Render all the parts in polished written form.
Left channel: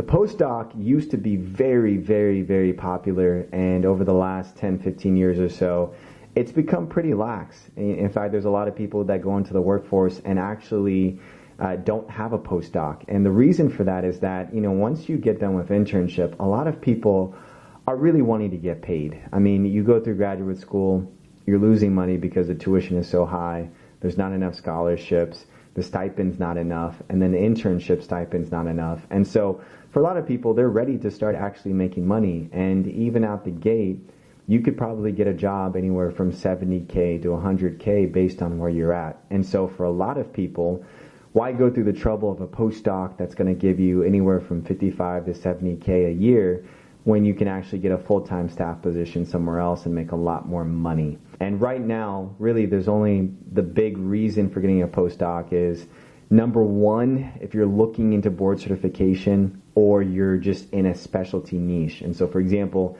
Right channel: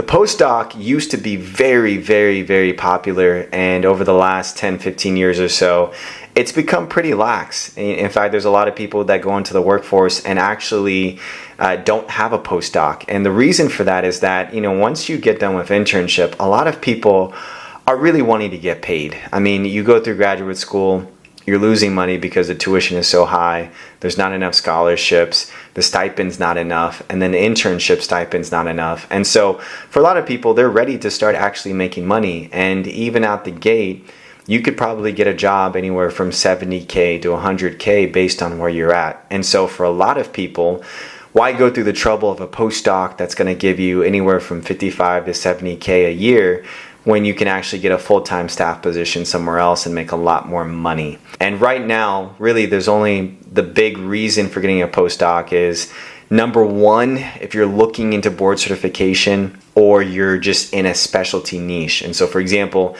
The postdoc used to be very, very, very popular, and over the last 10, 15 years or so, it's become pretty lax. In fact, there's a lot of people that go into the workforce and actually don't have a postdoc. And the reason for that is that, once you get done with internship, a lot of people are really wanting to get paid. I mean, you go through graduate school, you're losing money because the tuition is so high, there's not enough scholarships, the stipend's not enough, and then the internship stipend's not enough. And so for a lot of people, they're ready to start actually making money. And even out the gate, you could probably get a job anywhere from 70K to 100K based on where you're at. And so for a lot of people, why go through the trouble of a postdoc that's going to give you anywhere from 55 to 70K a year when you can actually get a full-time staff position somewhere else and make a lot more money? And right now, really, there's only the big reason for getting a postdoc is, number one, if you're looking into board certification or you're just in a specialty niche. And so, for example,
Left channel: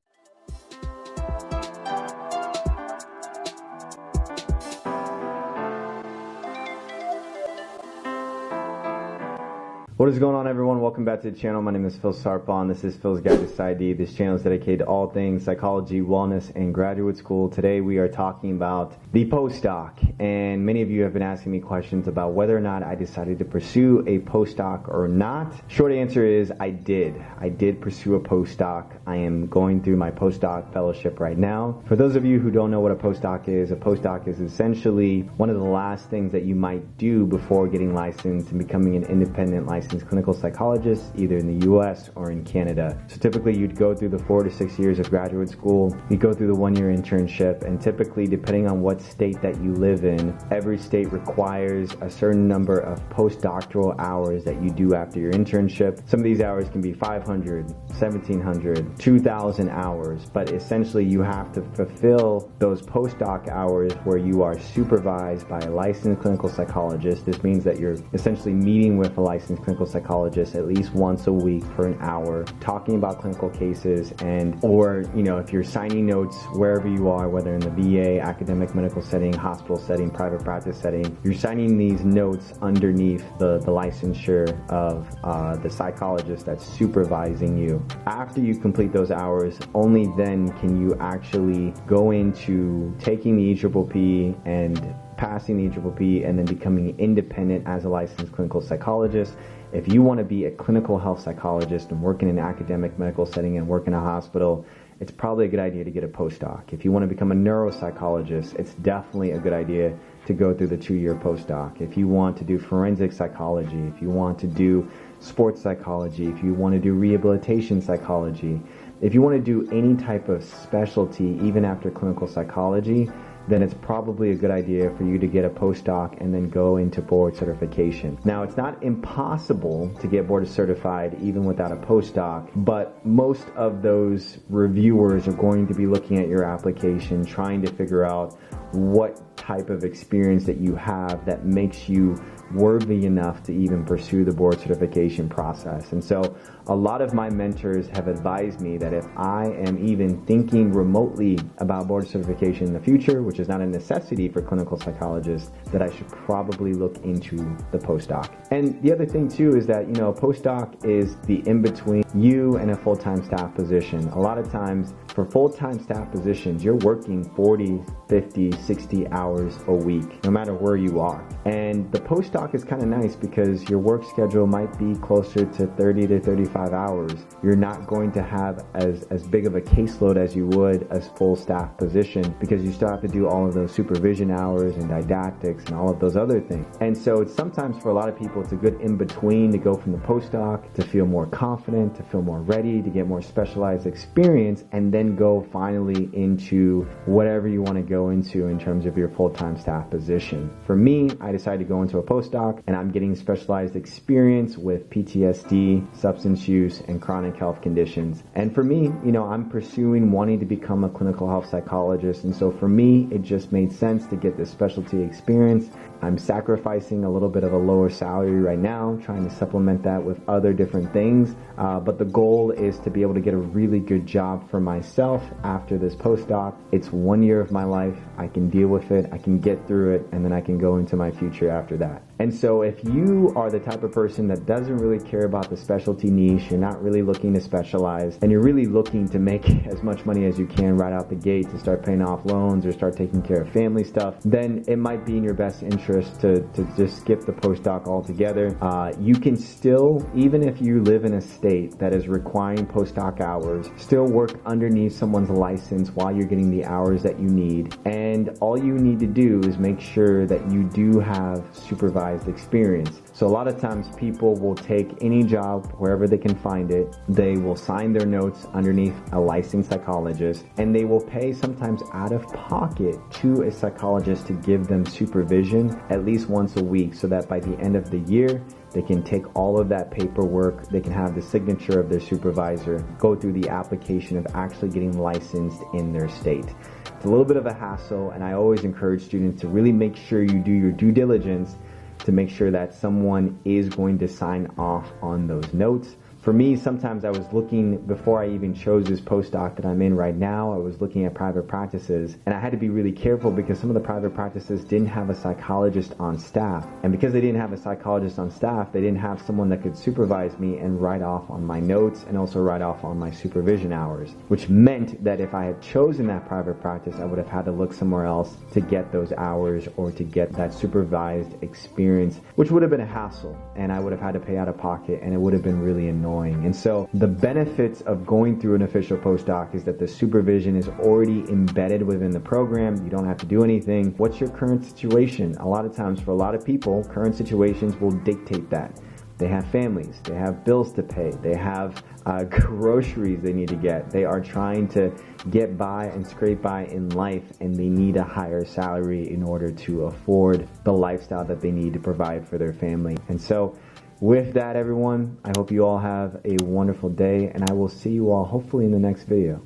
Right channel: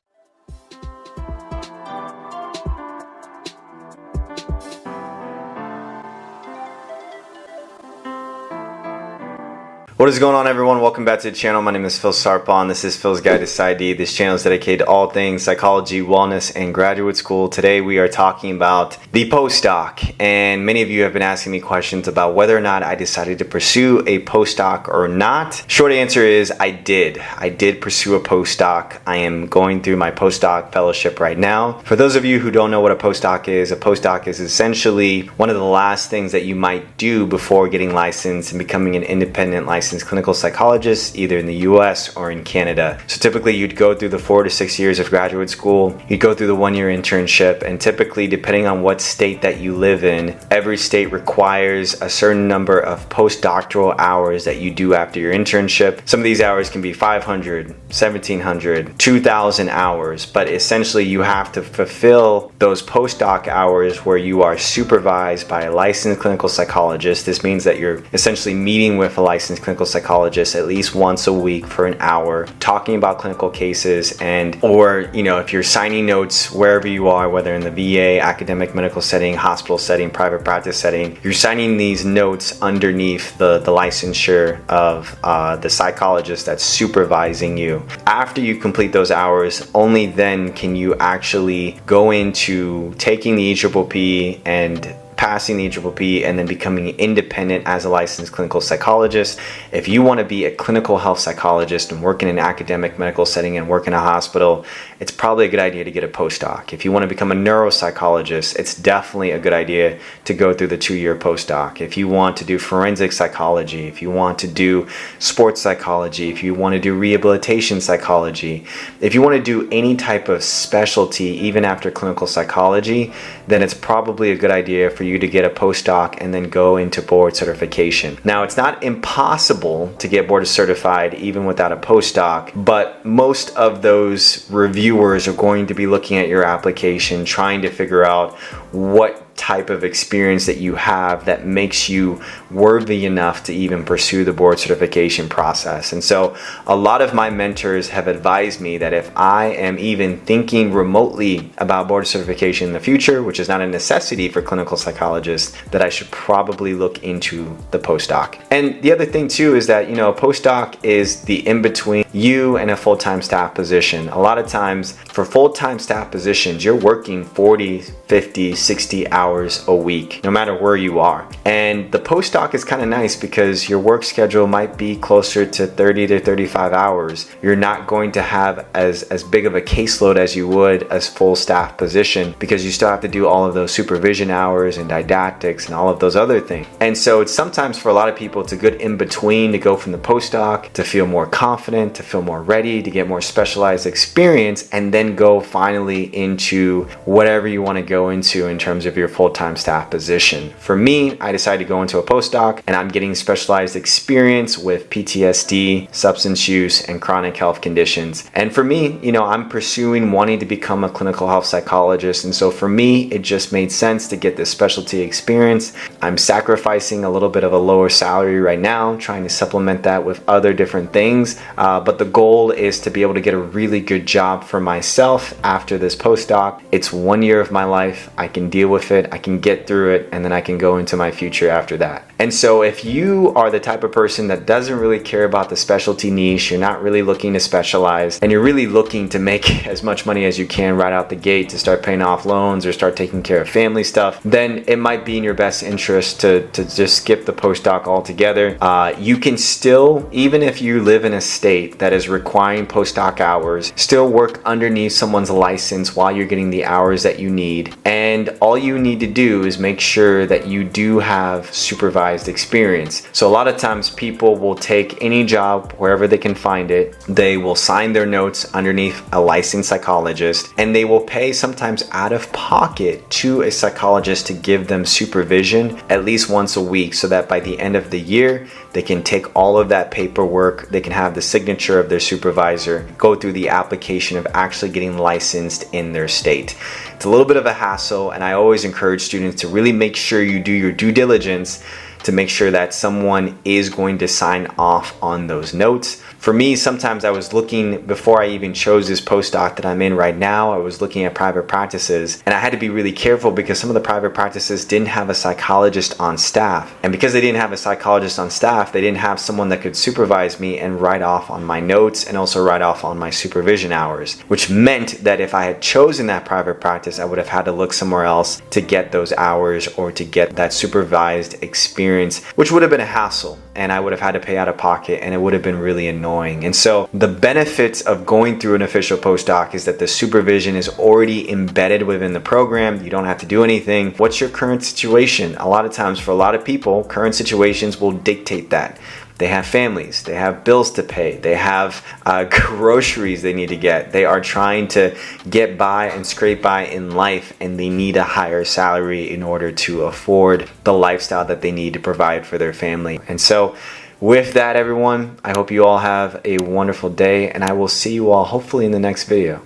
what is going on, everyone? Welcome back to the channel. My name is Phil Sarpon. This is Phil's Guide to PsyD. This channel is dedicated to all things psychology, wellness, and graduate school. Today we are talking about the postdoc, and many of you have been asking me questions about whether or not I decided to pursue a postdoc or not. Short answer is I did. I did pursue a postdoc. I am going through my postdoc fellowship right now. For those of you who don't know what a postdoc is essentially one of the last things that you might do before getting licensed and becoming an independent licensed clinical psychologist, either in the US or in Canada. So typically you'd go through the 4 to 6 years of graduate school, you'd go through the 1-year internship, and typically, depending on what state that you live in, every state requires a certain number of postdoctoral hours that you do after your internship. Some of these hours can be 500, 1700, 2000 hours, but essentially you have to fulfill those postdoc hours where you are supervised by a licensed clinical psychologist. This means that you're essentially meeting with a licensed clinical psychologist at least once a week for an hour, talking about clinical cases, or if you're signing notes wherever you are, whether in the VA, academic medical setting, hospital setting, private practice setting, you're signing these notes underneath the licensure of the psychologist that's supervising you. After you complete those hours, only then can you actually go into taking the EPPP and passing the EPPP and then becoming independent as a licensed clinical psychologist. If you want to be a clinical health psychologist and work in an academic medical setting and work in a hospital, it's probably a good idea to get a postdoc. If you want to become a neuropsychologist, it's definitely a good idea to go through the 2-year postdoc. If you want to do forensic psychology, if you want to do sports psychology, if you want to do rehabilitation psychology, if you want to do any type of specialty, even after clinical psychology, then it's probably a good idea for you to get a postdoc and then go into board certification. Now, it's not impossible to get board certified even without a postdoc, but most of those reviewers are going to be looking at your application, trying to figure out what type of experience that you have that makes you worthy enough to even pursue the board certification process. And so a lot of my mentors have advised me that if I am even thinking remotely about board certification in the future, which is not a necessity for clinical psychologists, that I should probably look into the postdoc. And the other thing too is that, a postdoc is the in-between you and a full-time staff position. A lot of times for full-time staff positions, you're working 40, 50, 60 hours a week, no matter where you are. And the postdoc is kind of nice because your work schedule might be closer to 30 to 35 hours. You're not going to have as big of a caseload as you would as full staff position because you still have to do all of those supervision hours and didactics and all of those other things. And so it's sometimes for a lot of people, it's a good in-between to go from the postdoc to feel more confident, to feel more ready, to get more specialized experience, and then go finally into whatever you want to go into in terms of your full-time staff position. For me, I decided to go into a postdoc, and I'm getting specialized experience with PTSD, substance use, and chronic health conditions. And for me, I'm pursuing wanting to become a clinical health psychologist, and so for me, it just made sense to get this specialty experience. I'm sacrificing a little bit of a lower salary right now, trying to supplement that with other different things, but the goal is to be able to get a really good job for myself after this postdoc. It's 1 year of my life. I can deal with it, I can get through it, and then I can go into my future after that. And so if you are the type of person that doesn't really care about the specialty niche, you're not really looking to specialize, and you're really looking to make as much money as you can right out the gate to start paying off loans or start taking care of family stuff, then it might be in your best interest to just skip the postdoc altogether. You can still, even if you live in a state that is requiring postdoc hours, still work underneath someone's license while you're getting the hours that you need. And all you need to do is make sure that you do have supervised experience. So a lot of times people will take any job wherever they can find it. They will sign their notes underneath a licensed psychologist, and they will pay sometimes out of pocket to a psychologist to give them supervision at least once a week, so that by the end of the year, they can take all of that paperwork, they can have the signature of their supervisor, go through the application of actually getting licensed in their state. It's a little bit of a hassle, and I always encourage students to really make sure you do your due diligence to make sure that someone is going to sign off on those notes. For me, sometimes I was looking, before I even chose this postdoc that I'm in right now, I was looking at private practices, and I had to be really careful because some of the private practices didn't have a psychologist on staff. And because they didn't have a psychologist on staff, they didn't have someone that could supervise me and write off on my notes and also write off on my supervision hours, which meant that if I had chosen that private practice, I would have had to look somewhere else to get those hours or to get that supervised experience, which would have been a hassle, and I would have had to pay out of pocket, and it would have been really annoying. And so the benefits of going through an official postdoc is that the supervision is already embedded within the program. You don't have to do anything. What's your current situation? A lot of times for a lot of people, current situations will dictate that. They have families, they have bills to pay, they have groceries they need to get. They are trying to get by and scrape by in life, and they need a higher salary in order to afford the lifestyle that they need to provide for their family. And so with that, everyone, I hope you all have a wonderful day, and I will see you all hopefully in the next video.